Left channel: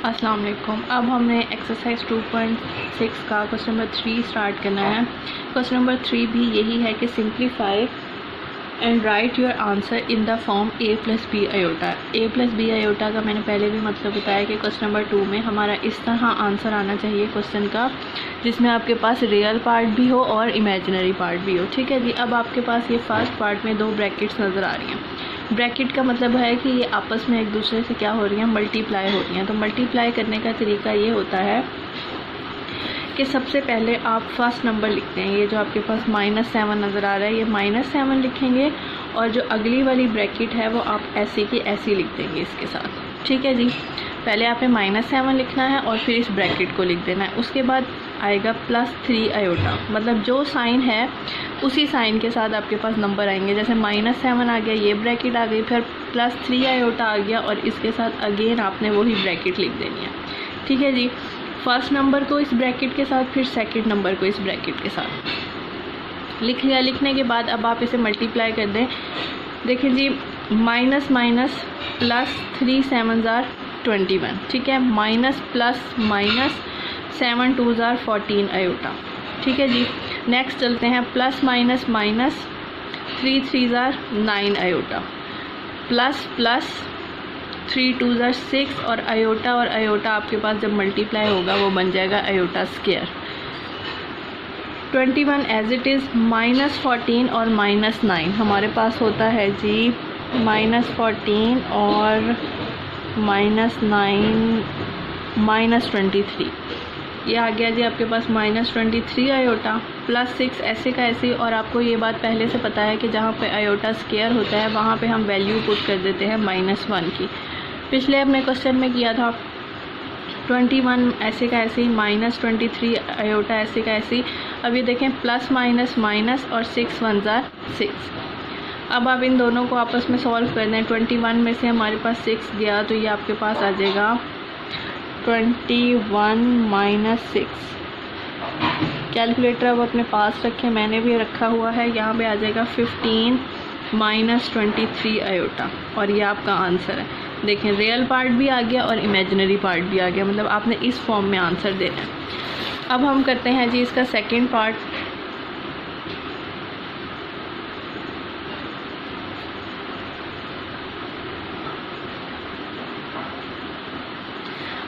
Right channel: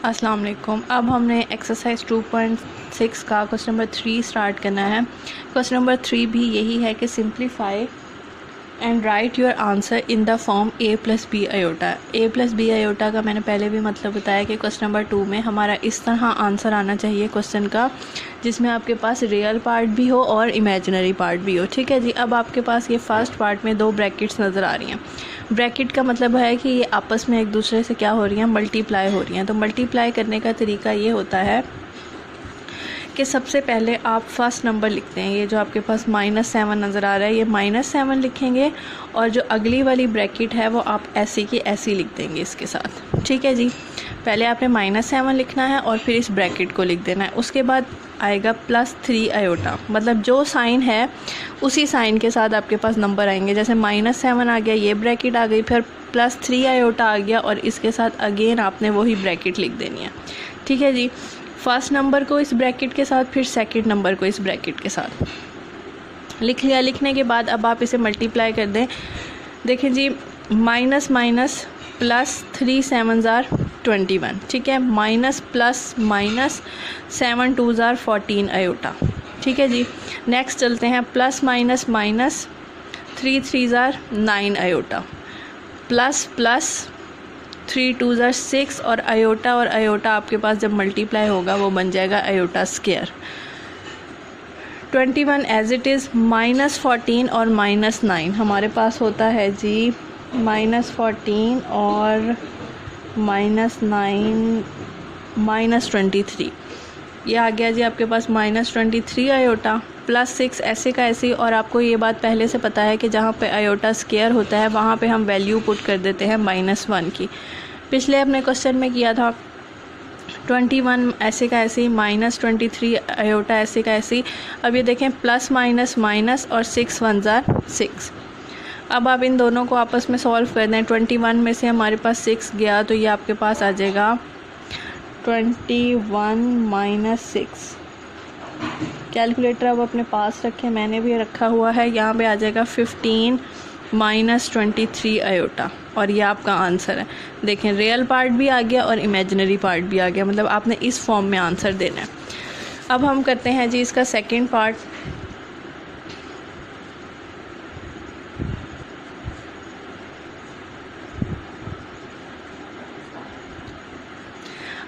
अस्सलाम वालेकुम। अब हमने एक्सरसाइज 2.6 का क्वेश्चन नंबर 3 स्टार्ट करना है। क्वेश्चन नंबर 3 भी यही है कि simplify and write your answer in the form a plus b iota. a plus b iota का मैंने पहले भी मतलब बताया कि क्वेश्चन नंबर 2 में हमारा इस तरह आंसर आना चाहिए क्वेश्चन का, जिसमें आपके पास रियल पार्ट भी हो और इमेजिनरी पार्ट भी हो। ठीक है जी। अब आपके पास ये फर्स्ट पार्ट में दो ब्रैकेट्स नज़र आ रही हैं। ब्रैकेट का मतलब है कि ये आपस में एक दूसरे से क्या हो रही हैं, मल्टीप्लाई हो रही हैं। तो मल्टीप्लाई करने का तरीका ये होता है कि सबसे पहले आप फर्स्ट नंबर लिखते हैं। ये जो आपके पास -7 नज़र आ रहा है, ये -7 लिखेंगे और जो अगली वाली ब्रैकेट है वो आप ऐसी की ऐसी लिख देंगे इसके साथ। ठीक है जी। पहले आपने -7 लिखना है और फिर इस ब्रैकेट को लिख देना है। उसके बाद आएगा +3 आयोटा, मतलब जो साइन है उसी साइन के साथ आपके पास नंबर आएंगे। जैसे -7 आ गया, ये ब्रैकेट आ गई, फिर +3 आयोटा आ गया और इसके साथ अगेन आपने वही ब्रैकेट लिख देनी है। ठीक है जी। फर्स्ट नंबर को इस ब्रैकेट के साथ, फिर सेकंड नंबर को इस ब्रैकेट के साथ लिख लिया। लिखने के बाद अब आप इसे मल्टीप्लाई कर दें। देखें जी, माइनस माइनस प्लस 3 7 ज़ार 21। ठीक है। माइनस प्लस माइनस 7 2 ज़ार 14 आयोटा। ठीक है जी। नेक्स्ट चलते हैं, प्लस माइनस माइनस 3 3 ज़ार 9 आयोटा, प्लस प्लस 3 2 ज़ार 6 और आयोटा आपके पास जब मल्टीप्लाई होगा वो बन जाएगा iota square. 21 as it is, -14 और -9 हमारे पास होता है जी -14 और -9 -23। ये आ गया जी आपके पास -23 आयोटा, +6 ऐसे का ऐसे। और आपको ये बात पहले से पता है कि जहाँ पे आयोटा स्क्वायर होता है वहाँ पे हम वैल्यू पुट कर देते हैं -1 की। पिछले अपने क्वेश्चन में किया था 21 ऐसे का ऐसे, -23 आयोटा ऐसे का ऐसे। अब ये देखें, प्लस माइनस माइनस और 6 1 ज़ार 6। अब आप इन दोनों को आपस में सॉल्व कर दें। 21 में से हमारे पास 6 गया तो ये आपके पास आ जाएगा 21 - 6। कैलकुलेटर अब अपने पास रखें, मैंने भी रखा हुआ है। यहाँ पे आ जाएगा 15 - 23 आयोटा और ये आपका आंसर है। देखें, रियल पार्ट भी आ गया और इमेजिनरी पार्ट भी आ गया, मतलब आपने इस फॉर्म में आंसर देना है। अब हम करते हैं जी इसका सेकंड पार्ट।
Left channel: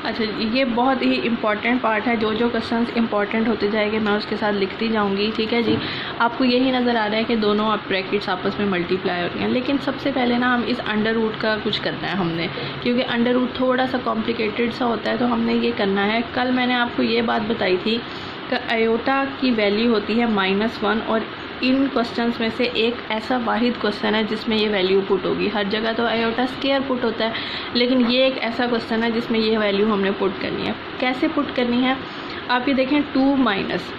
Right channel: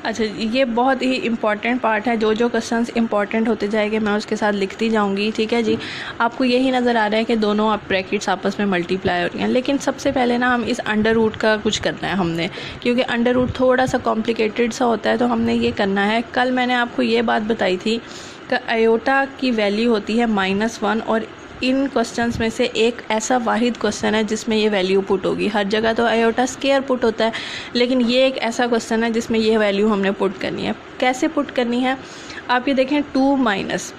अच्छा, ये बहुत ही इम्पॉर्टेंट पार्ट है। जो जो क्वेश्चंस इम्पॉर्टेंट होते जाएंगे मैं उसके साथ लिखती जाऊंगी। ठीक है जी। आपको यही नज़र आ रहा है कि दोनों आप ब्रैकेट्स आपस में मल्टीप्लाई हो रही हैं, लेकिन सबसे पहले ना हम इस अंडर रूट का कुछ करना है हमने, क्योंकि अंडर रूट थोड़ा सा कॉम्प्लिकेटेड सा होता है, तो हमने ये करना है। कल मैंने आपको ये बात बताई थी कि आयोटा की वैल्यू होती है -1 और इन क्वेश्चंस में से एक ऐसा वाहिद क्वेश्चन है जिसमें ये वैल्यू पुट होगी। हर जगह तो आयोटा स्क्वायर पुट होता है, लेकिन ये एक ऐसा क्वेश्चन है जिसमें ये वैल्यू हमने पुट करनी है। कैसे पुट करनी है, आप ये देखें, 2 माइनस,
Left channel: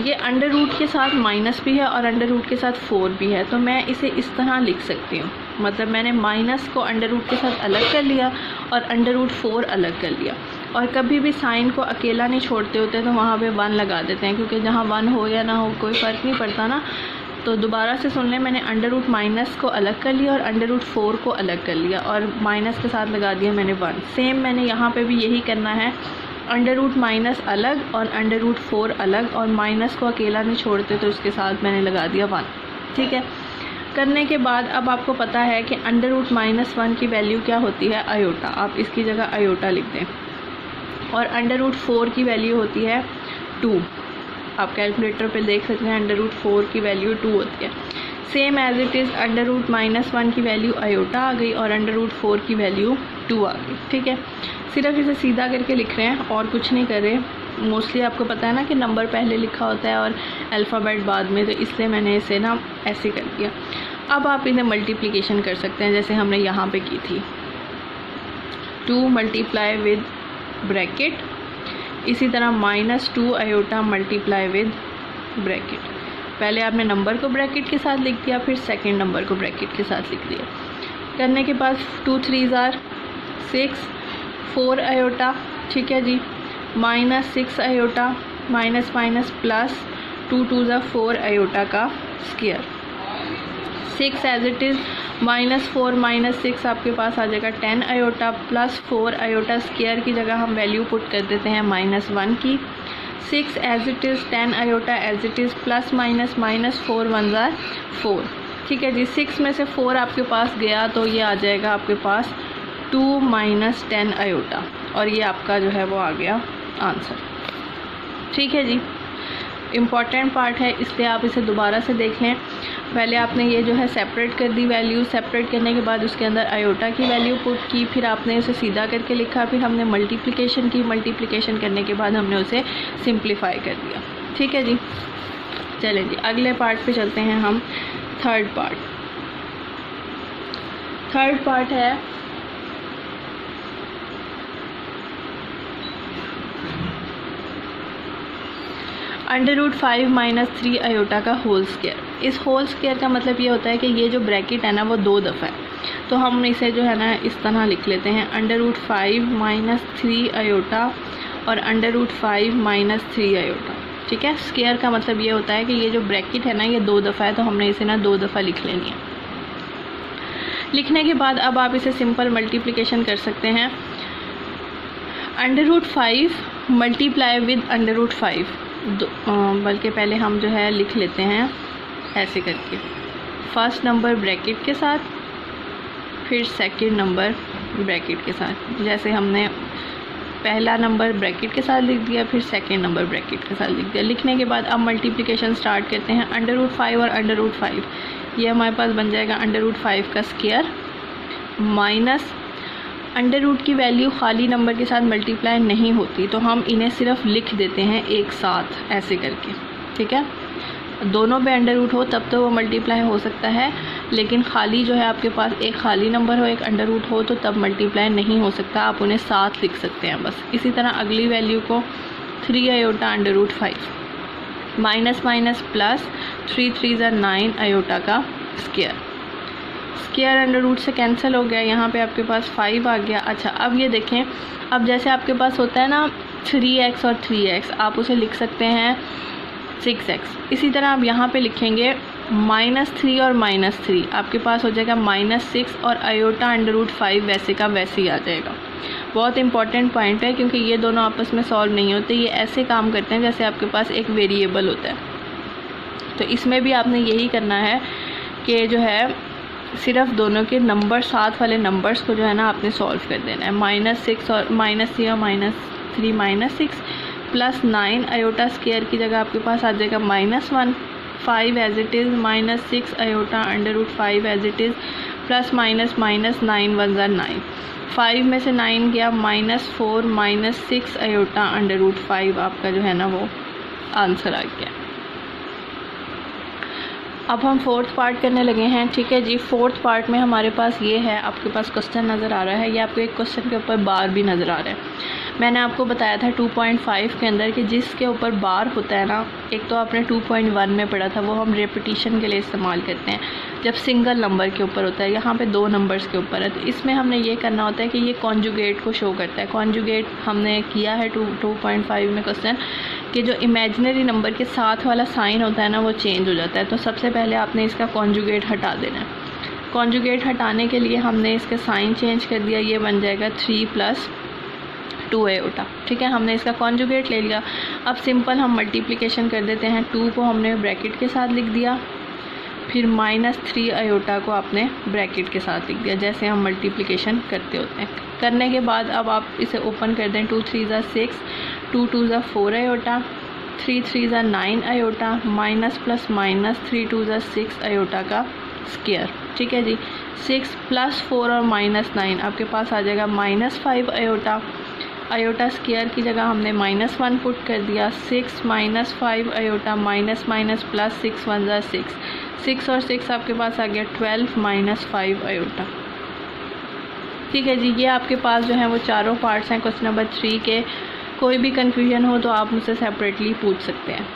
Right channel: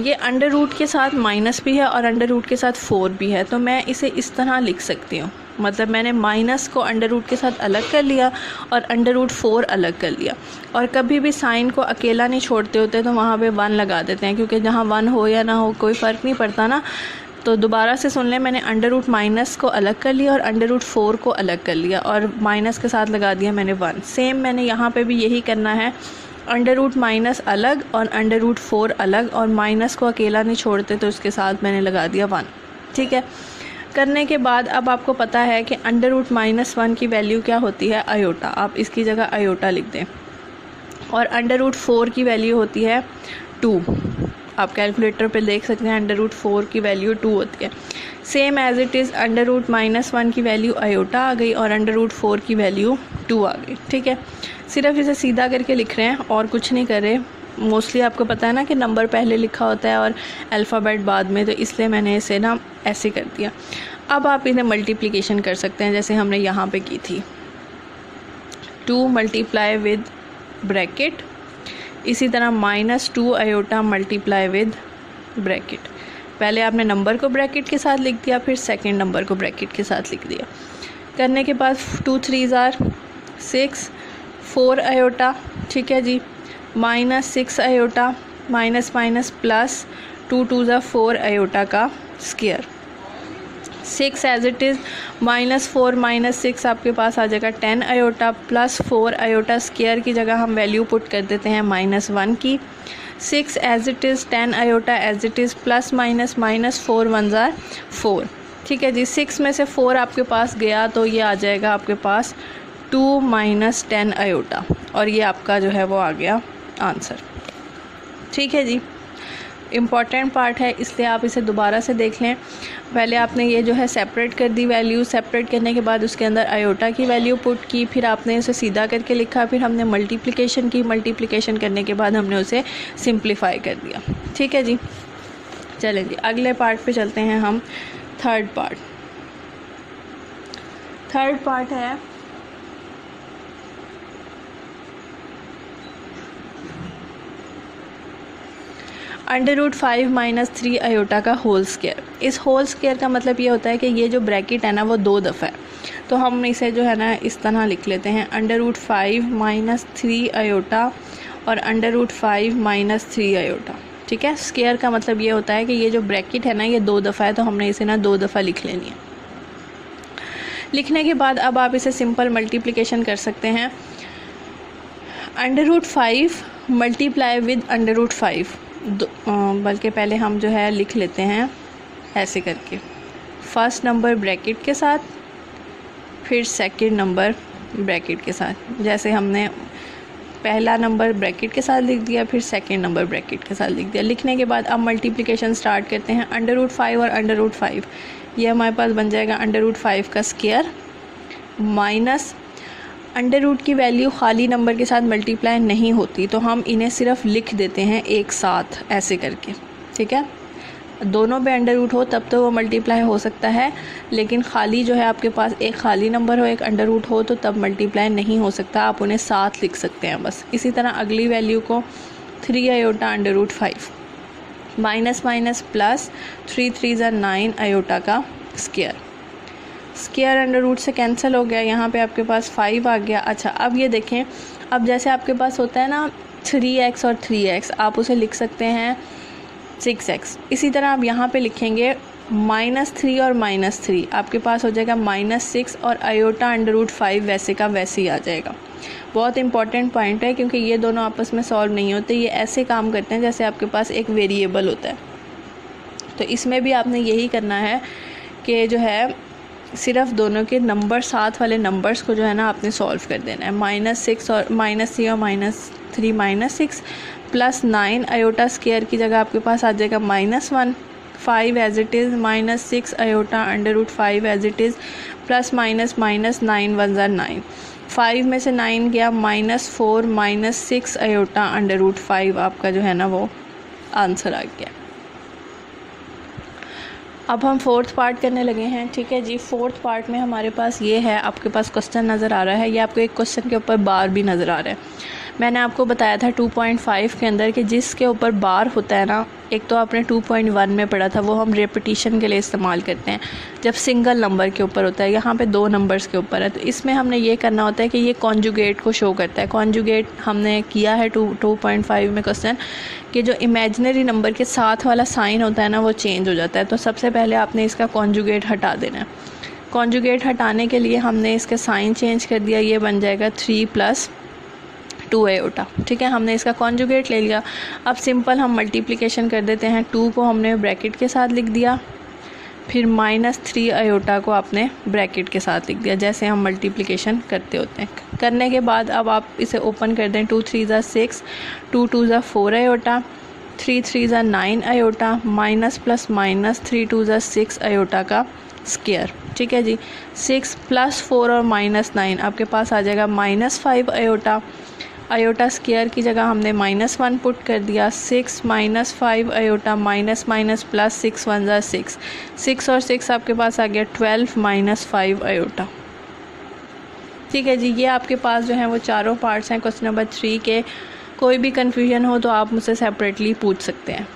ये अंडर रूट के साथ माइनस भी है और अंडर रूट के साथ 4 भी है, तो मैं इसे इस तरह लिख सकती हूँ। मतलब मैंने माइनस को अंडर रूट के साथ अलग कर लिया और अंडर रूट 4 अलग कर लिया। और कभी भी साइन को अकेला नहीं छोड़ते होते तो वहाँ पे 1 लगा देते हैं, क्योंकि जहाँ 1 हो या ना हो कोई फ़र्क नहीं पड़ता ना। तो दोबारा से सुन लें, मैंने अंडर रूट माइनस को अलग कर लिया और अंडर रूट 4 को अलग कर लिया और माइनस के साथ लगा दिया मैंने 1। सेम मैंने यहाँ पे भी यही करना है, अंडर रूट माइनस अलग और अंडर रूट 4 अलग, और माइनस को अकेला नहीं छोड़ते तो उसके साथ मैंने लगा दिया 1। ठीक है। करने के बाद अब आपको पता है कि अंडर रूट -1 की वैल्यू क्या होती है, आयोटा। आप इसकी जगह आयोटा लिख दें। और अंडर रूट 4 की वैल्यू होती है 2। आप कैलकुलेटर पे देख सकते हैं, अंडर रूट 4 की वैल्यू 2 होती है। Same as it is, under root -1 की वैल्यू आयोटा आ गई और अंडर रूट 4 की वैल्यू 2 आ गई। ठीक है। सिर्फ इसे सीधा करके लिख रहे हैं और कुछ नहीं कर रहे। मोस्टली आपको पता है ना कि नंबर पहले लिखा होता है और अल्फ़ाबेट बाद में, तो इसलिए मैंने इसे ना ऐसे कर दिया। अब आप इन्हें मल्टीप्लिकेशन कर सकते हैं जैसे हमने यहाँ पे की थी, 2 मल्टीप्लाई विद ब्रैकेट, इसी तरह -2 आयोटा मल्टीप्लाई विद ब्रैकेट। पहले आपने नंबर को ब्रैकेट के साथ लिख दिया, फिर सेकंड नंबर को ब्रैकेट के साथ लिख दिया। करने के बाद 2 3 ज़ार 6, 4 आयोटा। ठीक है जी। -6 आयोटा, माइनस माइनस प्लस 2 2 ज़ार 4 आयोटा का स्क्वायर। 6 एज इट इज़, -4 -6 आपके पास आ जाएगा 10 आयोटा, प्लस 4 आयोटा स्क्वायर की जगह हम वैल्यू पुट कर देते हैं -1 की। 6 as it is, 10 iota as it is, plus minus -4 1 ज़ार 4। ठीक है जी, 6 में से 4 आपके पास गया तो ये आ जाएगा आपके पास 2 - 10 आयोटा, और ये आपका जो है वो आ गया आंसर। ठीक है जी, इम्पॉर्टेंट पार्ट है इसलिए आप इसे दोबारा से देख लें। पहले आपने ये जो है सेपरेट कर दी वैल्यू, सेपरेट करने के बाद उसके अंदर आयोटा की वैल्यू पुट की, फिर आपने उसे सीधा करके लिखा, फिर हमने मल्टीप्लिकेशन की, मल्टीप्लिकेशन करने के बाद हमने उसे सिंप्लीफाई कर दिया। ठीक है जी, चलें जी अगले पार्ट पे चलते हैं हम। थर्ड पार्ट है √5 - 3 आयोटा का होल स्क्वायर। इस होल स्क्वायर का मतलब ये होता है कि ये जो ब्रैकेट है ना वो 2 दफ़ा है, तो हम इसे जो है ना इस तरह लिख लेते हैं √5 - 3 आयोटा और √5 - 3 आयोटा। ठीक है, स्क्वायर का मतलब ये होता है कि ये जो ब्रैकेट है ना ये 2 दफ़ा है, तो हमने इसे ना 2 दफ़ा लिख लेनी है। लिखने के बाद अब आप इसे सिंपल मल्टीप्लिकेशन कर सकते हैं। √5 मल्टीप्लाई विद √5, बल्कि पहले हम जो है लिख लेते हैं ऐसे करके, फर्स्ट नंबर ब्रैकेट के साथ, फिर सेकंड नंबर ब्रैकेट के साथ। जैसे हमने पहला नंबर ब्रैकेट के साथ लिख दिया, फिर सेकंड नंबर ब्रैकेट के साथ लिख दिया। लिखने के बाद अब मल्टीप्लिकेशन स्टार्ट करते हैं। √5 और √5 ये हमारे पास बन जाएगा √5 का स्क्वायर माइनस √ की वैल्यू खाली नंबर के साथ मल्टीप्लाई नहीं होती, तो हम इन्हें सिर्फ लिख देते हैं एक साथ ऐसे करके। ठीक है, दोनों पे √ हो तब तो वो मल्टीप्लाई हो सकता है, लेकिन खाली जो है आपके पास एक खाली नंबर हो एक √ हो तो तब मल्टीप्लाई नहीं हो सकता, आप उन्हें साथ लिख सकते हैं बस। इसी तरह अगली वैल्यू को 3 आयोटा √5 माइनस माइनस प्लस 3 3 ज़ा 9 आयोटा का स्क्वायर। स्क्वायर √ से कैंसिल हो गया, यहाँ पे आपके पास 5 आ गया। अच्छा, अब ये देखें, अब जैसे आपके पास होता है ना 3x और 3x, आप उसे लिख सकते हैं 6x। इसी तरह आप यहाँ पे लिखेंगे -3 और -3, आपके पास हो जाएगा -6 और आयोटा √5 वैसे का वैसे ही आ जाएगा। बहुत इंपॉर्टेंट पॉइंट है क्योंकि ये दोनों आपस में सॉल्व नहीं होते, ये ऐसे काम करते हैं जैसे आपके पास एक वेरिएबल होता है। तो इसमें भी आपने यही करना है कि जो है सिर्फ दोनों के नंबर साथ वाले नंबर्स को जो है ना आपने सॉल्व कर देना है। -6 और -3 और -3 -6 प्लस 9 आयोटा स्क्वायर की जगह आपके पास आ जाएगा -1, 5 as it is, -6 iota √5 as it is, plus minus 9 1 ज़ा 9, 5 में से 9 गया, -4 -6 आयोटा √5 आपका जो है ना वो आंसर आ गया। अब हम फोर्थ पार्ट करने लगे हैं। ठीक है जी, फोर्थ पार्ट में हमारे पास ये है, आपके पास क्वेश्चन नज़र आ रहा है, ये आपको एक क्वेश्चन के ऊपर बार भी नज़र आ रहा है। मैंने आपको बताया था 2.5 के अंदर कि जिसके ऊपर बार होता है ना, एक तो आपने 2.1 में पढ़ा था, वो हम रेपिटिशन के लिए इस्तेमाल करते हैं जब सिंगल नंबर के ऊपर होता है। यहाँ पे 2 नंबर्स के ऊपर है, तो इसमें हमने ये करना होता है कि ये कॉन्जुगेट को शो करता है। कॉन्जुगेट हमने किया है 2.5 में क्वेश्चन कि जो इमेजिनरी नंबर के साथ वाला साइन होता है ना वो चेंज हो जाता है। तो सबसे पहले आपने इसका कॉन्जुगेट हटा देना है। कॉन्जुगेट हटाने के लिए हमने इसका साइन चेंज कर दिया, ये बन जाएगा 3 + 2 आयोटा। ठीक है, हमने इसका कॉन्जुगेट ले लिया। अब सिंपल हम मल्टीप्लिकेशन कर देते हैं। 2 को हमने ब्रैकेट के साथ लिख दिया, फिर -3 आयोटा को आपने ब्रैकेट के साथ लिख दिया, जैसे हम मल्टीप्लिकेशन करते होते हैं। करने के बाद अब आप इसे ओपन कर दें। 2 3 ज़ा 6, 2 2 ज़ा 4 आयोटा, 3 3 ज़ा 9 आयोटा, माइनस प्लस माइनस 3 2 ज़ा 6 आयोटा का स्क्वायर। ठीक है जी, 6 + 4 और -9 आपके पास आ जाएगा -5 आयोटा। आयोटा स्क्वायर की जगह हमने -1 पुट कर दिया। 6 - 5 आयोटा माइनस माइनस प्लस 6 1 ज़ा 6, 6 और 6 आपके पास आ गया 12 - 5 आयोटा। ठीक है जी, ये आपके पास जो है वो चारों पार्ट्स हैं क्वेश्चन नंबर 3 के। कोई भी कन्फ्यूजन हो तो आप मुझसे सेपरेटली पूछ सकते हैं।